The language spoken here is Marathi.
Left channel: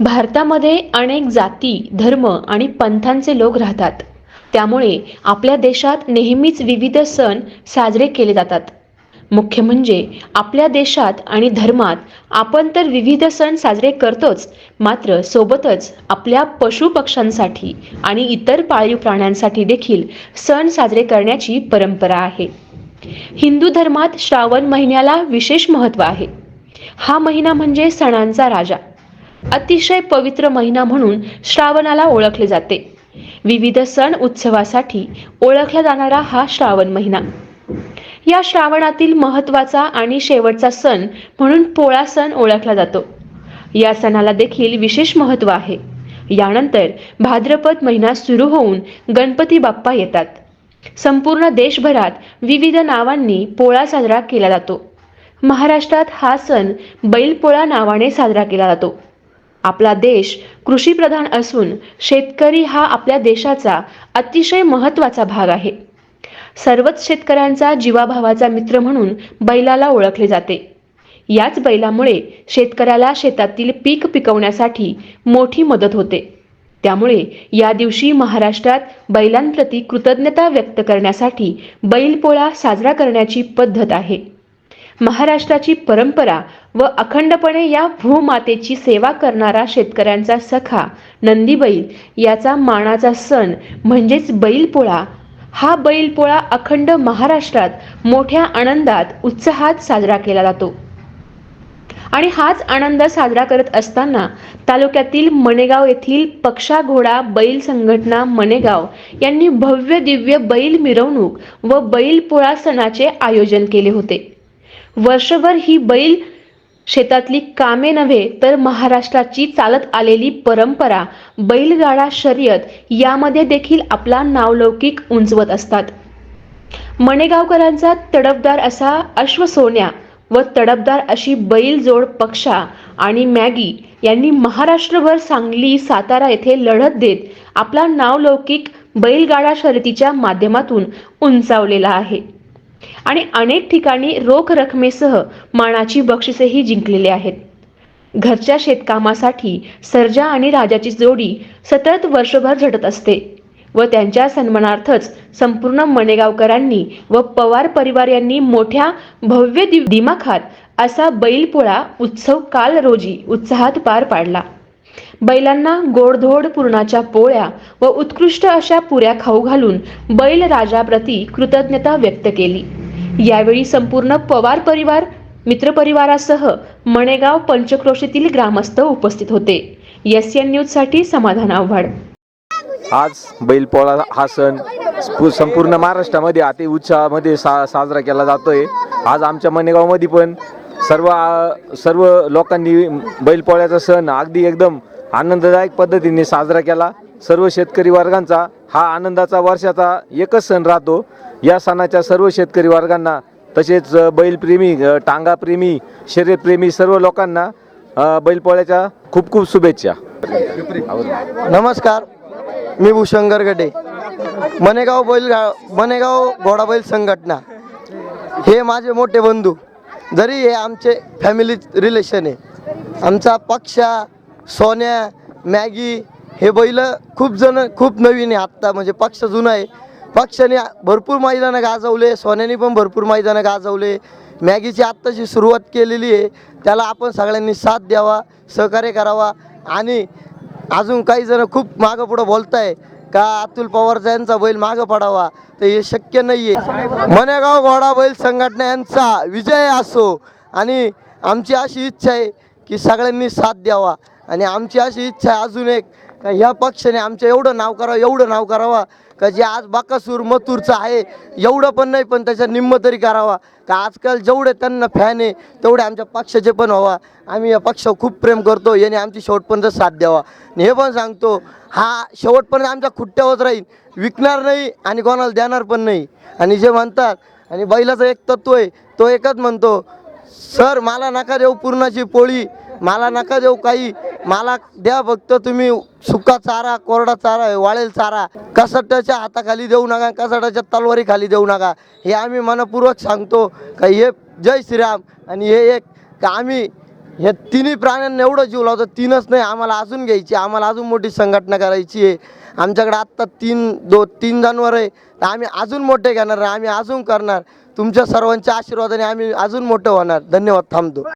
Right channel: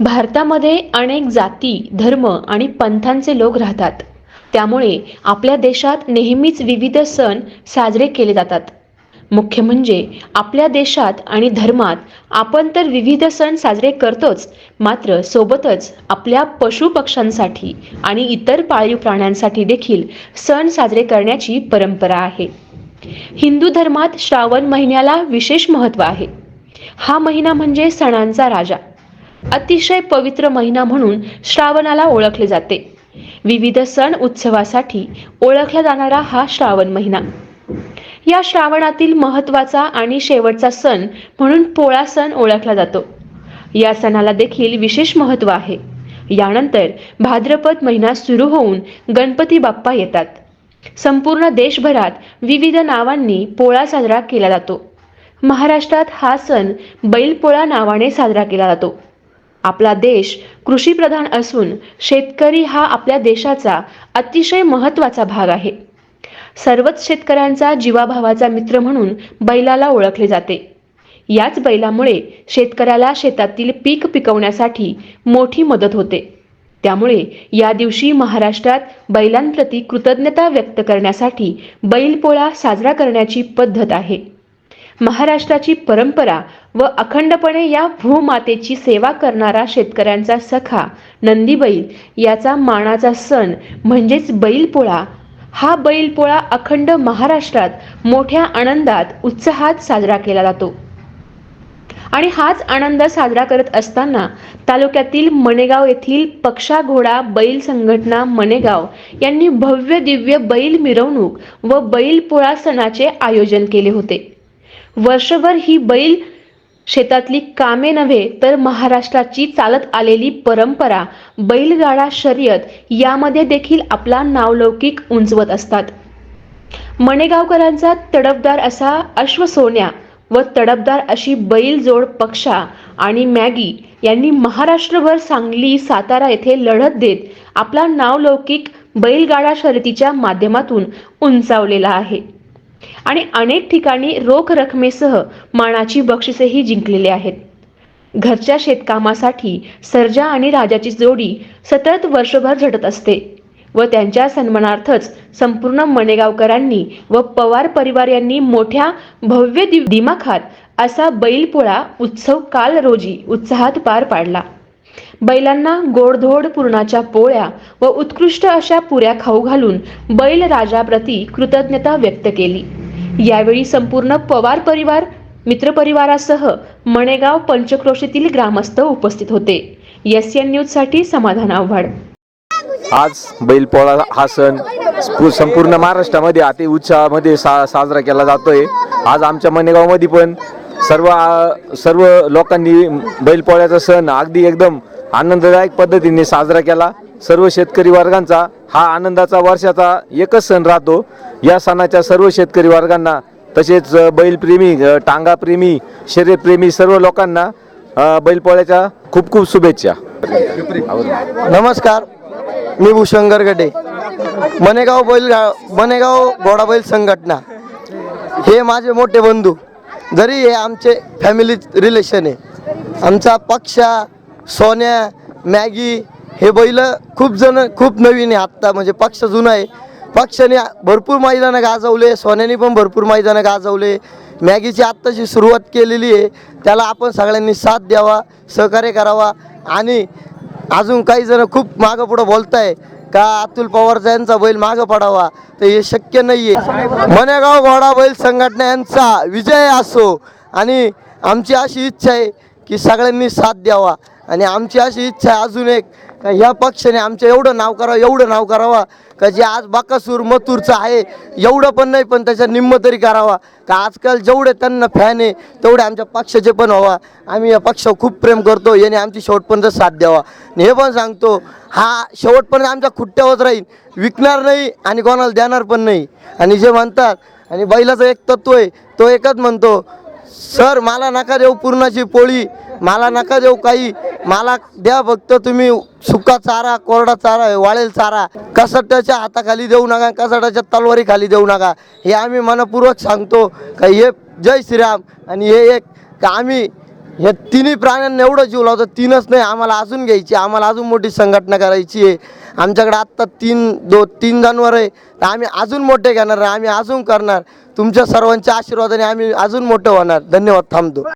भारतामध्ये अनेक जाती धर्म आणि पंथांचे लोक राहतात. त्यामुळे आपल्या देशात नेहमीच विविध सण साजरे केले जातात. मुख्य म्हणजे आपल्या देशात आणि धर्मात आपण तर विविध सण साजरे करतोच मात्र सोबतच आपल्या पशुपक्ष्यांसाठी आणि इतर पाळीव प्राण्यांसाठी देखील सण साजरे करण्याची परंपरा आहे. हिंदू धर्मात श्रावण महिन्याला विशेष महत्त्व आहे. हा महिना म्हणजे सणांचा राजा. अतिशय पवित्र महिना म्हणून श्रावणाला ओळखले जाते. विविध सण उत्सवासाठी ओळखला जाणारा हा श्रावण महिना. या श्रावणातील महत्त्वाचा आणि शेवटचा सण म्हणून पोळा सण ओळखला जातो. या सणाला देखील विशेष महत्त्व आहे. यानंतर भाद्रपद महिना सुरू होऊन गणपती बाप्पा येतात. संपूर्ण देशभरात विविध नावांनी पोळा साजरा केला जातो. महाराष्ट्रात हा सण बैलपोळा नावाने साजरा केला जातो. आपला देश कृषीप्रधान असून शेतकरी हा आपल्या देशाचा अतिशय महत्त्वाचा भाग आहे. सर्वच शेतकऱ्यांचा जीवाभावाचा मित्र म्हणून बैलाला ओळखले जाते. याच बैलामुळे शेतकऱ्याला शेतातील पीक पिकवण्यासाठी मोठी मदत होते. त्यामुळे या दिवशी महाराष्ट्रात बैलांप्रती कृतज्ञता व्यक्त करण्यासाठी बैलपोळा साजरा करण्याची पद्धत आहे. महाराष्ट्राची परंपरा व अखंडपणे या भूमातेची सेवा करणारा शेतकऱ्यांचा सखा नंदीबैल याचा मानाचा सण म्हणजेच बैलपोळा. हा बैलपोळा अखंड महाराष्ट्रात मोठ्या आनंदात उत्साहात साजरा केला जातो. आणि हाच आनंद साजरा करत असताना तालुक्यातील मणेगाव येथील पक्षा घोडा बैल संघटना मणेगाव यांनी भव्य दिव्य बैल मिरवणूक व बैल पोळा सणाचे आयोजन केले होते. वर्षभर ही बैल शेतातली कामे नव्हे तर महाराष्ट्राची चालत आलेली परंपरा बैलगाडा शर्यत यामध्ये देखील आपला नावलौकिक उंचवत असतात. मणेगावकरांचा तडफदार असा अश्वसोन्या व तडफदार अशी बैलजोड पक्षा आणि मॅगी यांनी महाराष्ट्रभर सांगली सातारा येथे लढत देत आपला नावलौकिक बैलगाडा शर्यतीच्या माध्यमातून उंचावलेला आहे. आणि अनेक ठिकाणी रोख रकमेसह मानाची बक्षिसेही जिंकलेली आहेत. घरच्या शेतकामासाठी सर्जा आणि राजाची जोडी सतत वर्षभर झटत असते व त्यांच्या सन्मानार्थच संपूर्ण मणेगावकरांनी व पवार परिवार यांनी मोठ्या भव्य दि- दिमाखात असा बैलपोळा उत्सव काल रोजी उत्साहात पार पाडला. बैलांना गोडधोड पुरणाच्या पोळ्या व उत्कृष्ट अशा पुऱ्या खाऊ घालून बैल राजाप्रती कृतज्ञता व्यक्त केली. यावेळी संपूर्ण पवार परिवार मित्रपरिवारासह मणेगाव पंचक्रोशीतील ग्रामस्थ उपस्थित होते. एस एन न्यूजसाठी समाधान आव्हाड. आज बैलपोळा हा सण संपूर्ण महाराष्ट्रामध्ये अति उत्साहामध्ये सा साजरा केला जातोय. आज आमच्या मनेगावमध्ये पण सर्व सर्व लोकांनी बैलपोळ्याचा सण अगदी एकदम आनंददायक पद्धतीने साजरा केला. सर्व शेतकरी वर्गांचा हा आनंदाचा वर्षाचा एकच सण राहतो. या सणाच्या सर्व शेतकरी वर्गांना तसेच बैलप्रेमी टांगाप्रेमी शर्यतप्रेमी सर्व लोकांना बैलपोळ्याच्या खूप खूप शुभेच्छा. नमस्कार. मी भूषण गरगडे मनेगाव बैल मनेगाव घोडा बैल संघटना. हे माझे मोठे बंधू. जरी हे आमचे फॅमिली रिलेशन आहे. आमचा पक्षा सोन्या मॅगी हे बैल खूप जण खूप नवीन आहे आत्ता. म्हणजे पक्ष जुना आहे. पक्षाने भरपूर मैदानं गाजवले सोन्याने पण भरपूर मैदानं गाजवले. मॅगीची आत्ताची सुरुवात केलेली आहे. त्याला आपण सगळ्यांनी साथ द्यावा सहकार्य करावा. आणि अजून काही जण खूप मागं पुढं बोलताय. का अतुल पवारचा यांचा बैल मागे पडावा? तर हे शक्य नाहीये. मनेगाव घोडा बैल संघटना यांचा विजय असो. आणि आमची अशी इच्छा आहे की सगळ्यांनी साथ द्यावा. आणि आमची अशी इच्छा आहे अजून एक का ह्या पक्षाने आमचं एवढं नाव करावं एवढं नाव करावा का जे आज बाकासूर मथूरचं आहे एवढं पण नाही पण त्याच्या निम्म तरी करावा. का आजकाल जेवढे त्यांना फॅन आहे तेवढे आमच्या पक्षाचे पण व्हावा. आम्ही या पक्षावर खूप प्रेम करतो याने आमची शेवटपर्यंत साथ द्यावा. हे पण सांगतो हा शेवटपर्यंत आमच्या खुट्ट्यावर राहील. विकणार नाही आणि कोणाला देणार पण नाही. आणि जे म्हणतात आणि बैलाचं एक तत्व आहे तो एकच म्हणतो सर मला नका देऊ पूर्णाची पोळी. मला नका देऊ काही. मला द्या फक्त तुम्ही सुका चारा कोरडा चारा वाळेल चारा. कसट्याच्या हाताखाली देऊ नका कसट्याच्या तलवारी खाली देऊ नका. हे आम्ही मनपूर्वक सांगतो. का हे जय श्रीराम आणि हे एक आम्ही या तिन्ही प्राण्यांना एवढं जीव लावतो तीनच नाही आम्हाला अजून घ्यायची आम्हाला अजून मोठी संघटना करायची आहे. आमच्याकडे आत्ता तीन दो तीन जनावर आहे तर आम्ही अजून मोठे घेणार आहे आम्ही अजून करणार. तुमच्या सर्वांच्या आशीर्वादाने आम्ही अजून मोठं होणार. धन्यवाद थांबतो.